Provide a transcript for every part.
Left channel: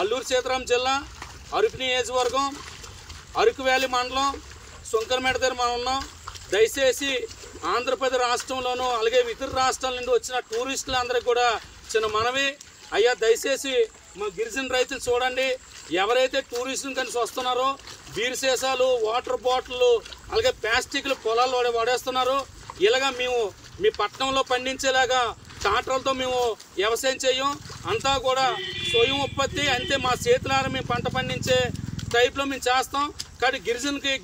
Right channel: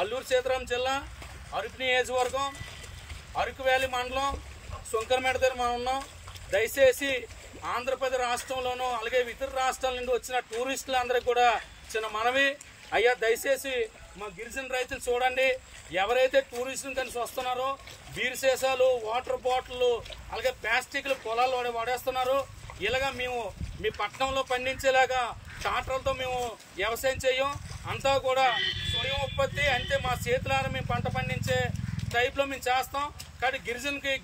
అల్లూరు సీతారాం జిల్లా అరకు నియోజకవర్గం అరకు వ్యాలీ మండలం సుంకరమేట దగ్గర మనం ఉన్నాం. దయచేసి ఆంధ్రప్రదేశ్ రాష్ట్రంలోనూ అలాగే ఇతర రాష్ట్రాల నుండి వచ్చిన టూరిస్టులందరికీ కూడా చిన్న మనవి, అయ్యా దయచేసి మా గిరిజన రైతులు చూడండి, ఎవరైతే టూరిస్టులు కలిసి వస్తున్నారో బీర్ సీసాలు, వాటర్ బాటిళ్ళు అలాగే ప్లాస్టిక్లు పొలాల్లో వాడేస్తున్నారు. ఇలాగా మేము మీ పట్టణంలో పండించేలాగా ట్రాక్టర్లతో మేము వ్యవసాయం చేయం, అంతా కూడా స్వయం ఉత్పత్తి, అంతే మా చేతులారా మేము పంట పండించే టైప్లో మేము చేస్తాం. కానీ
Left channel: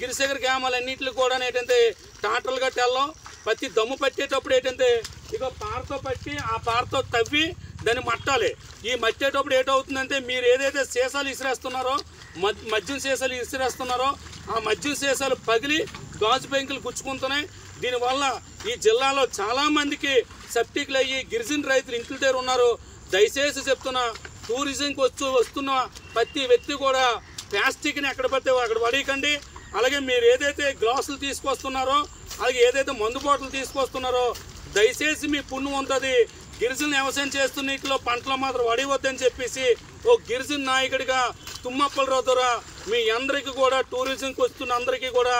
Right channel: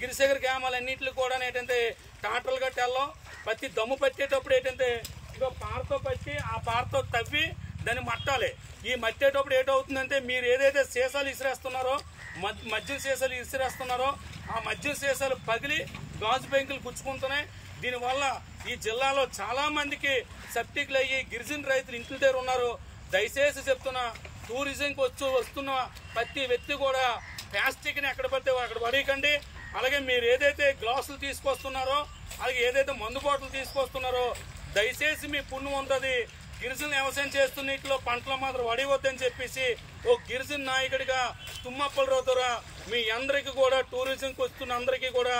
గిరిశేఖర గ్రామాలు అన్నింటిలో కూడా ఏంటంటే ట్రాక్టర్లు గట్టి వెళ్ళాం. ప్రతి దమ్ము పట్టేటప్పుడు ఏంటంటే ఇక పారతో పట్టి ఆ పారతో తవ్వి దాన్ని మట్టాలి. ఈ మట్టేటప్పుడు ఏటవుతుందంటే మీరు ఏదైతే సీసాలు ఇసిరేస్తున్నారో మద్యం సీసాలు ఇసిరేస్తున్నారో ఆ మద్యం సీసాలు పగిలి గాజు పెంకులు గుచ్చుకుంటున్నాయి. దీనివల్ల ఈ జిల్లాలో చాలామందికి సెప్టిక్లు అయ్యి గిరిజన రైతులు ఇంటి దగ్గర ఉన్నారు. దయచేసి చెప్తున్నా, టూరిజంకి వస్తున్న ప్రతి వ్యక్తి కూడా ప్లాస్టిక్ని ఎక్కడ పడితే అక్కడ పడేయకండి. అలాగే మీరు ఏదైతే గ్లాసులు తీసుకొస్తున్నారో అలాగే ఏదైతే మందు బాటలు తీసుకొస్తున్నారో దయచేసి మీ పుణ్యం ఉంటుంది. గిరిజన వ్యవసాయం చేస్తున్న నీటిలో పంటలు మాత్రం వడివద్దని చెప్పేసి ఓ గిరిజన నాయకుడిగా తుమ్మప్పలరావు ద్వారా మీ అందరికీ కూడా టూరిజంకి వస్తున్న అందరికీ కూడా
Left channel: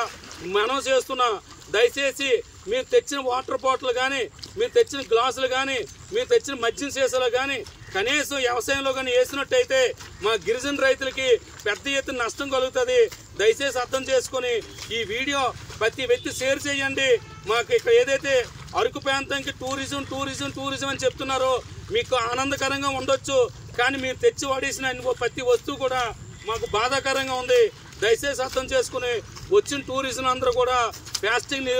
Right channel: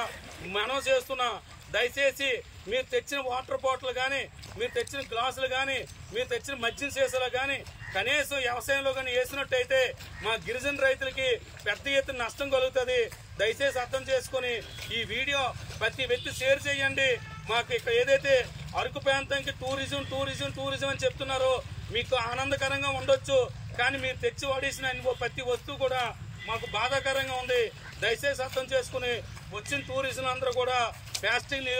మనం చేస్తున్నా, దయచేసి మీరు తెచ్చిన వాటర్ బాటిల్ కానీ, మీరు తెచ్చిన గ్లాసులు కానీ, మీరు తెచ్చిన మద్యం సీసాలు కానీ కనీసం వ్యవసాయంలో కానీ వేసినట్టయితే మా గిరిజన రైతులకి పెద్ద ఎత్తున నష్టం కలుగుతుంది. దయచేసి అర్థం చేసుకొని ఈ వీడియో ప్రతి వ్యక్తి షేర్ చేయండి. మాకు ఇక్కడ ఏదైతే అరకు ప్రాంతానికి టూరిజం అని చెప్తున్నారో మీకు ఆనందకరంగా ఉండొచ్చు, కానీ మీరు తెచ్చి వాడేసిన ప్రతి వస్తువు కూడా మాకు బాధాకరంగా ఉంది. దయచేసి అర్థం చేసుకుని వచ్చిన టూరిజం అందరూ కూడా ప్లాస్టిక్ని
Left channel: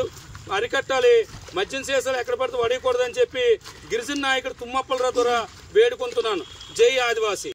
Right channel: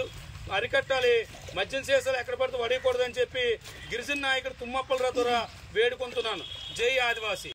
అరికట్టాలి, మద్యం సీసాలు ఎక్కడ పడితే వడేయకూడదని చెప్పి గిరిజన నాయకుడు తుమ్మప్పలరావు ద్వారా వేడుకుంటున్నాను. జై ఆదివాసీ.